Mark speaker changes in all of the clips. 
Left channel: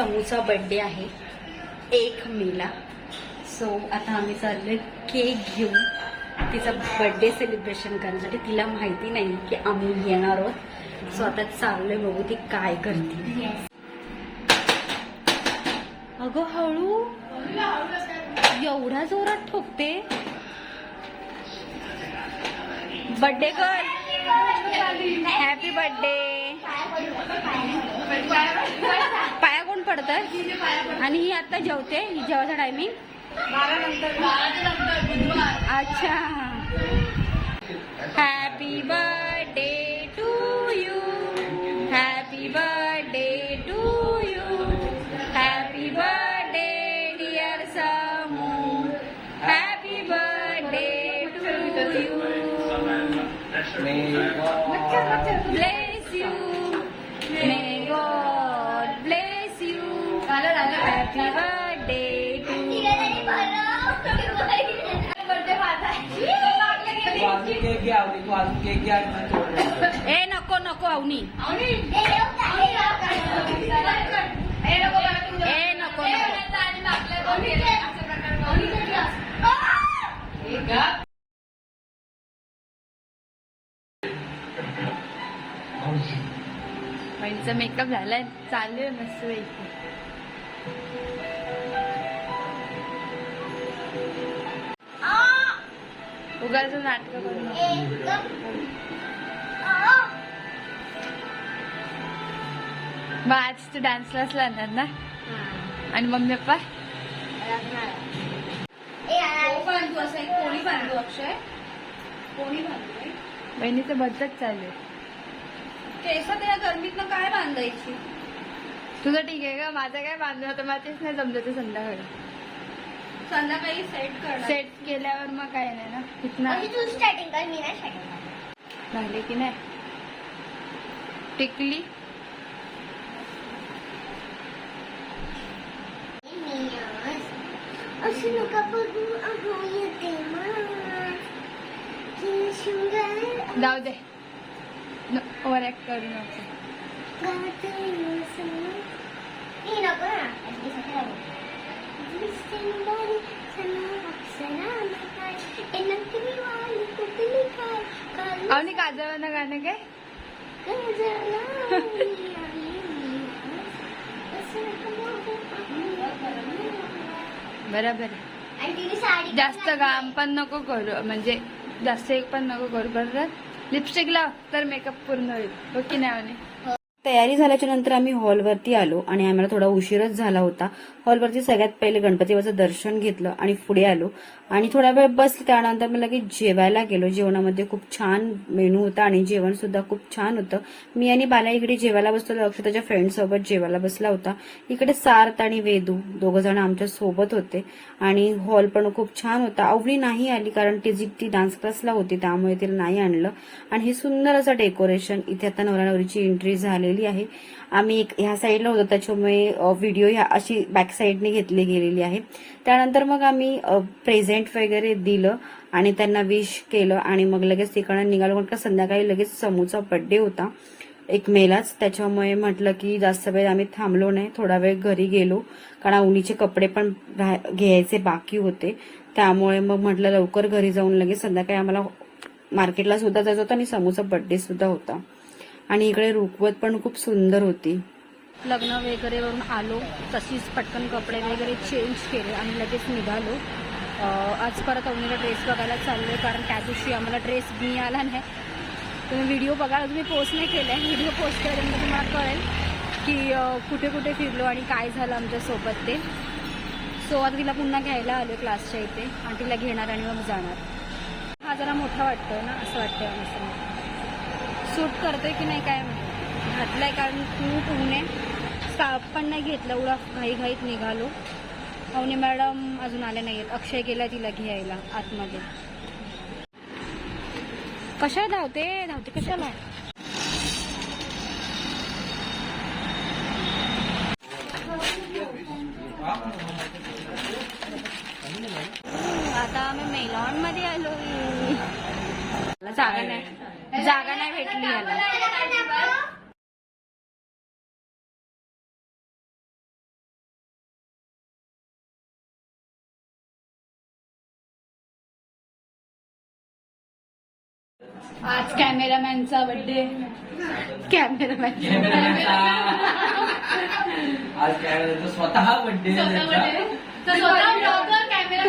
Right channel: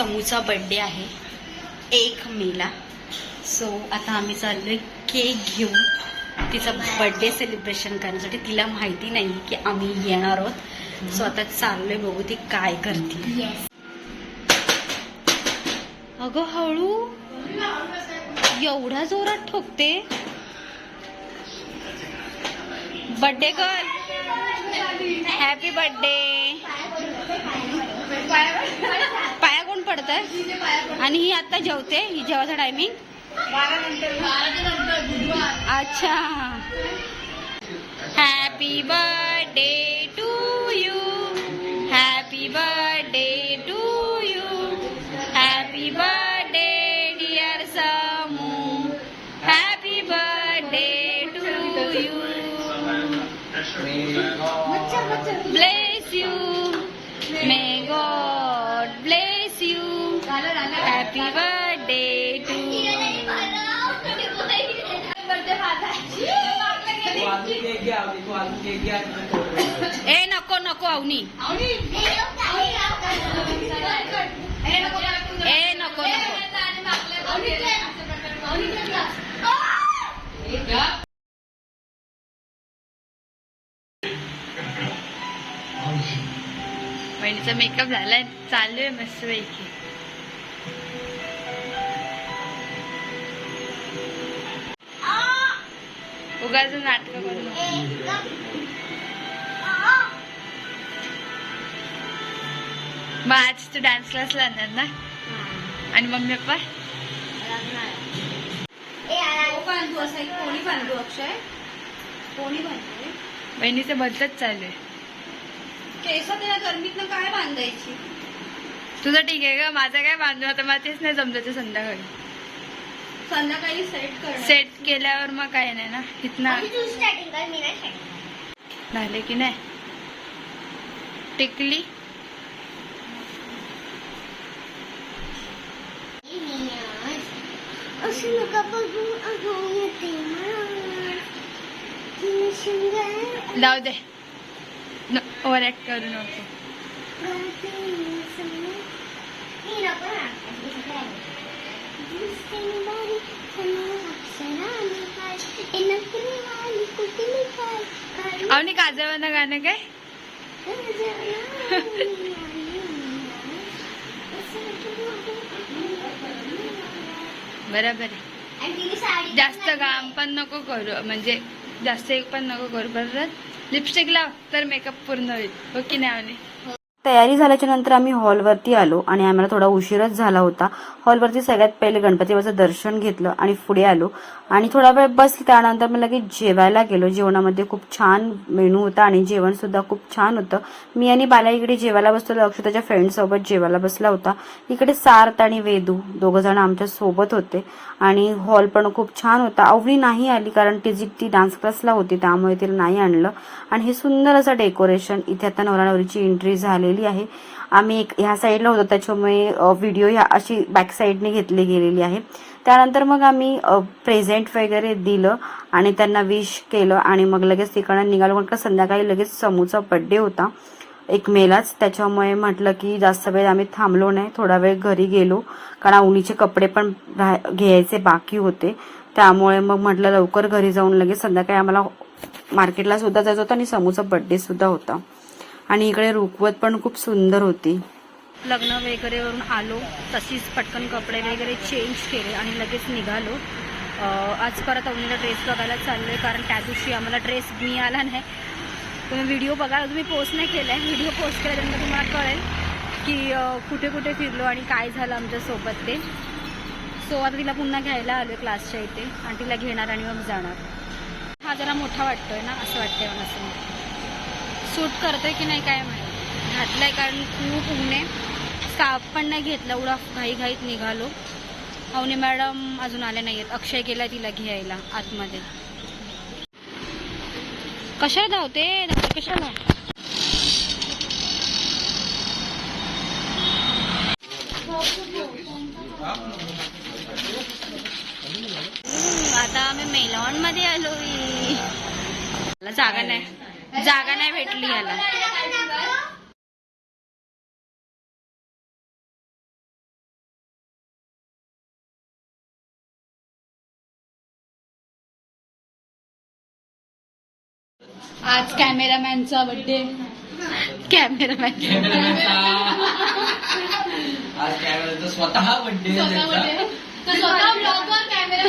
Speaker 1: समूचा बर्थडे आहे. एक मेला. सो आता आम्ही चाललोय केक घेऊन. तिचा बर्थडे सेलिब्रेशन करण्यासाठी. तिला माहिती नाही की आम्ही येणार आहोत. सो आता चाललोय बघू ती काय करते. अगं हळू. एवढ्या जोरात ठोकते. बर्थडे कर हॅपी बर्थडे पाया कोण पडत आणि ही आता जेवते ही जेवायचा टायमिंग अच्छा. Happy birthday to you happy birthday to you happy birthday dear Samu happy birthday to you bless you. ए नको नको अवनी ए नको नको बहिणीचा मेकअप झालाय चालू आहे मस्त पैकी उगाच नाटक करू मग आज तू डान्स क्लास लागणार ना? आणि मम्मी पप्पा? बहिणीचं बदलच चालू आहे.
Speaker 2: केस काय बांधायची
Speaker 1: तुझं ठीक आहे का माझं काय बांधून आता? मला तेच नाही समजायचं संध्याकाळी.
Speaker 2: संध्याकाळी सेट कर
Speaker 1: सेट केल्यावर मग काय नाही ना. इथनं
Speaker 2: तू स्टार्टिंग कर मी नाही starting
Speaker 1: झाले की नाही? टिकली?
Speaker 2: कर. असं नका बघू अगं येते मला. ती शिंगार
Speaker 1: जाऊ दे. ओव्हर ऍक्ट करू नको. आणि काजळवानं गाणं काय? बरोबर जास्त घाम पण नको करू म्हणजे जास्त एक पण नको करू बरोबर? लिपस्टिक लाव तर मेकअप पूर्ण होईल. हो की नाही
Speaker 3: तयारी झाल्याच्यानंतर आम्ही हॉलवरती आलो आणि आम्हाला थोडा उशीरच झाला होता. हॉलवरती सगळ्यात पहिले गणपतीबाचं दर्शन घेतलं आणि पुढे आलो. आणि थोडा वेळ बसली त्यानंतर मी लगेच जेवायला गेलो. जेवणामध्ये खूप छान मेनू होता आणि जेवण सुद्धा खूप छान होतं. मी आणि बाला इकडे जेवायला बसलो अक्षताच्या फ्रेंडसोबत जेवायला बसला होता. इकडे सार्थ आणि वेदू दोघं जण आमच्यासोबत होते. आणि हॉल पण खूप छान होता. अवनी नाही आली कारण तिची ती डान्स क्लासला होती त्यामुळे तिला नाही आणलं. आणि हे सुंदर असं डेकोरेशन इथे आता नवरा नवरीची एंट्री झाली झालेली आहे. आम्ही एक ह्या साईडला होतो त्याच्यामुळे व्हिडिओ ह्या अशी बॅक साईडने घेतली गेलेली आहे. त्यानंतर मग आम्ही प्रेझेंट वगैरे दिलं आणि त्यांना विश केलं आणि मग लगेच तिकडं निघालो. म्हटलं संध्याकाळी लगेच समूचा बड्डे होता एक मेलाच. त्याच्यामुळे म्हटलं की जास्त वेळ आम्ही थांबलो नाही. थोडा वेळ घरी गेलो. कारण उन्हीचे कपडे पण घ्यायचे बाकी होते. त्यामुळे मग म्हटलं लवकर घरी जाऊन लगेच संध्याकाळी आम्हाला मार्केटला सुद्धा जायचं होतं आणि समूचा बड्डे सुद्धा होता. आणि इकडे रुकवत पण खूप सुंदर होती.
Speaker 1: लग्न वगैरे वरून आलो तशीच पटकन कपडे वगैरे चेंज केले आणि लगेच निघालो. आज परत अवनीला ड्रेस बघायला चाललोय कारण त्या दिवशी आम्हाला ड्रेस मिळाला नाही. तुम्ही व्हिडिओ बघा तुम्ही पोस्ट नाही केलाय. व्हिडिओ पोस्ट केल्यानंतर तुम्हाला कळेल की कुठे कुठे फिरलो आणि काय झालं आमच्यासोबत ते. सो आता तिला पुन्हा घ्यायला आलो क्लासच्या इथे आणि तिला घेणार आणि मग जाणार. हा जरा मोठा वाटतोय ना असं वाटतंय मला असं सूट करतोय की नाही काय माहिती. घातलाय कारण खूप ऊन आहे. स्कार्फ पण नाही घेतला एवढा घाई घाईत निघालो. अवनी मॅडम अजून आले आहेत अक्षय गेला तिला घ्यायला आतमध्ये. कशा धावते? धावते कशाला? आता आम्ही मेलॉनमध्ये आलो जागा नाही. जागा नाही भेटली याला. आज कॅमेरामॅनचा बर्थडे कॅमेरामॅन.
Speaker 4: आज कॅमेरा स्वतः
Speaker 1: कॅमेरा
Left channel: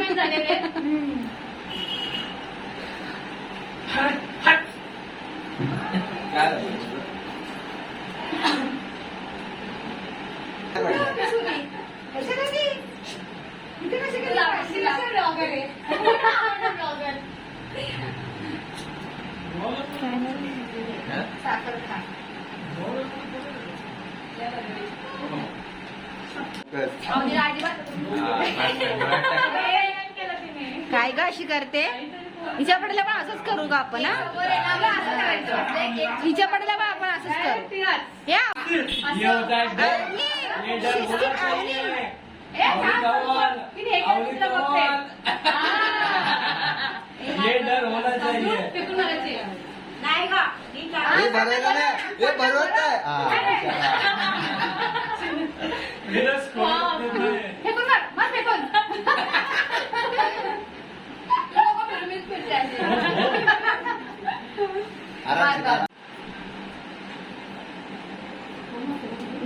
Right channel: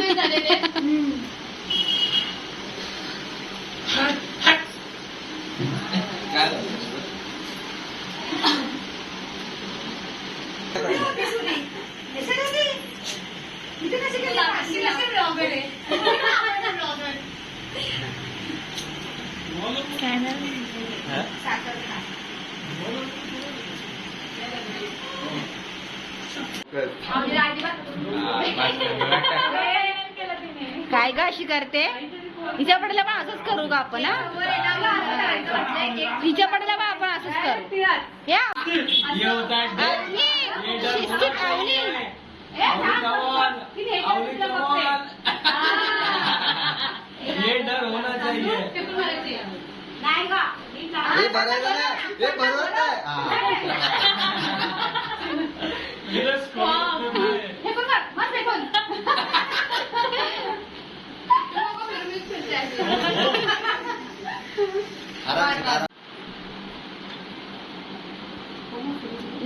Speaker 1: काय ग अशी करते हिच्या पडल्या पण असंच करू का आपण? हिच्या पडल्या पण आपण असंच करू या शिस्तीत.
Speaker 4: ये डर होना चाहिए
Speaker 5: नाही हे.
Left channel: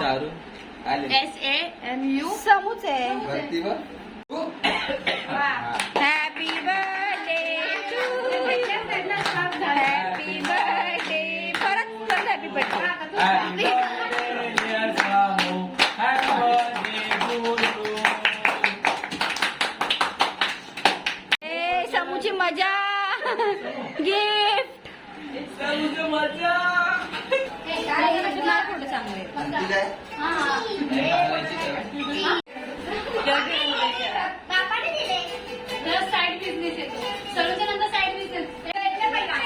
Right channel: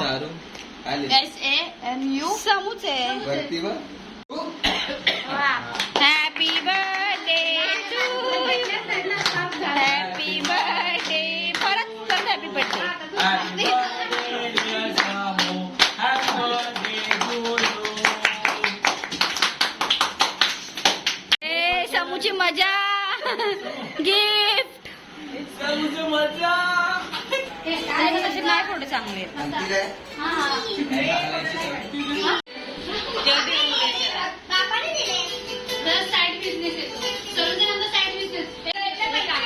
Speaker 5: Shahrukh?
Speaker 1: S A M U समूच आहे
Speaker 5: वरती वर
Speaker 1: happy birthday to you happy birthday परत परत happy birthday
Speaker 4: Happy birthday, dear Samu. Happy birthday to you.
Speaker 1: ए समूची मजा गिफ्ट
Speaker 4: समूची मजा.
Speaker 1: थोडे चांगले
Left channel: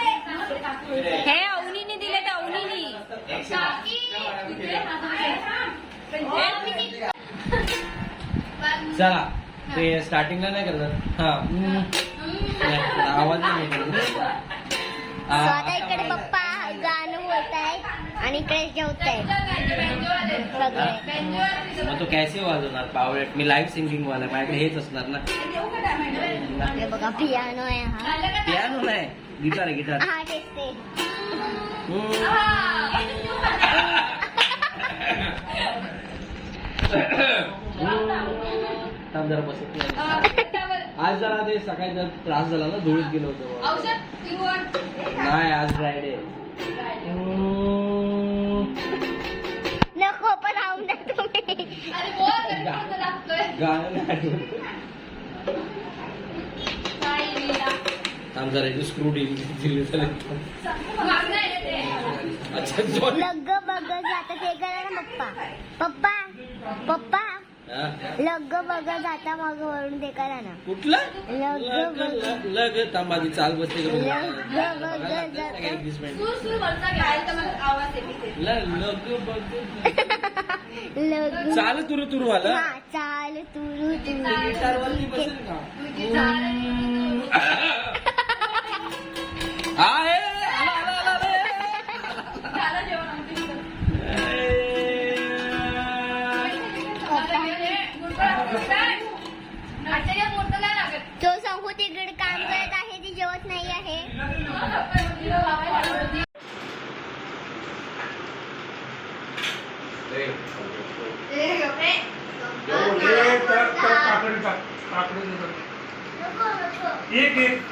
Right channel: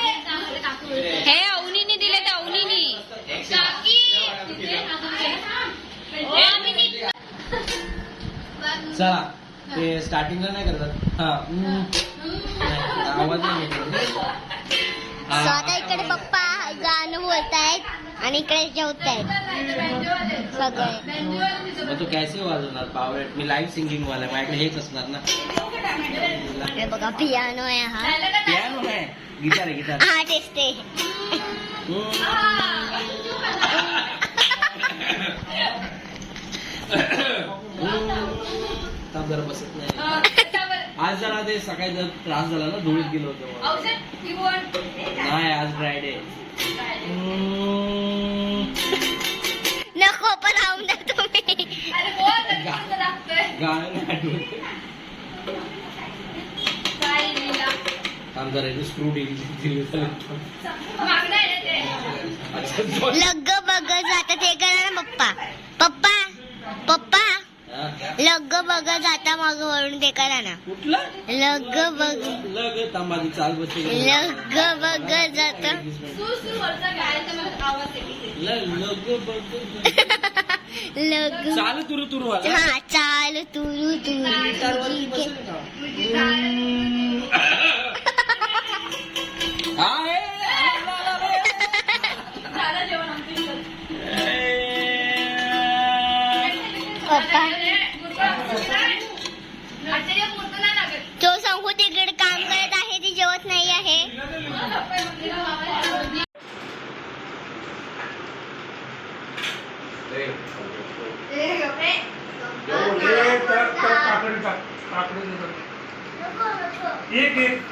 Speaker 1: हे अवनीनी दिले तर अवनीनी
Speaker 4: चला ते स्टार्टिंगला नाही करत हा. आवाज नाही. हा.
Speaker 2: इकडे पप्पा गाणं बोलतायत आणि इकडे जेवतायत सगळे.
Speaker 4: मग तो कॅसे वाजवणार पावलेट मी लाईव्ह सिंगिंग वाला आहे. माझ्याकडे हेच असणार ना.
Speaker 2: हे बघा पियानो आहे हा.
Speaker 4: पियानो नाही गिटार आहे गिटार
Speaker 2: हा तेच ते
Speaker 4: थांब जरा बसत नाही. आज जरा ते सकाळी जर त्रास झाला ना धुळीत गेलो होतो. नाही आज फ्रायडे
Speaker 2: नको पण राहून द्या तुम्ही.
Speaker 4: गाणं नाही आठवत. स्क्रू अच्छा दोन.
Speaker 2: लग्ग बघ जाता ते करा ना पप्पा. पप्पा पप्पा.
Speaker 4: हा?
Speaker 2: लग्ग बघ जाता मग वळून ते करा ना.
Speaker 4: कुठलं?
Speaker 2: लग्ग बघ
Speaker 4: लग थांब माझी चाल बसते
Speaker 2: लग्ग बघ जाता.
Speaker 4: लग बघ
Speaker 2: लग्ग
Speaker 4: चाल तुरु तुरु
Speaker 2: हा चाल तुरु तुरु. ठीक आहे.
Speaker 6: एक एक
Speaker 2: एक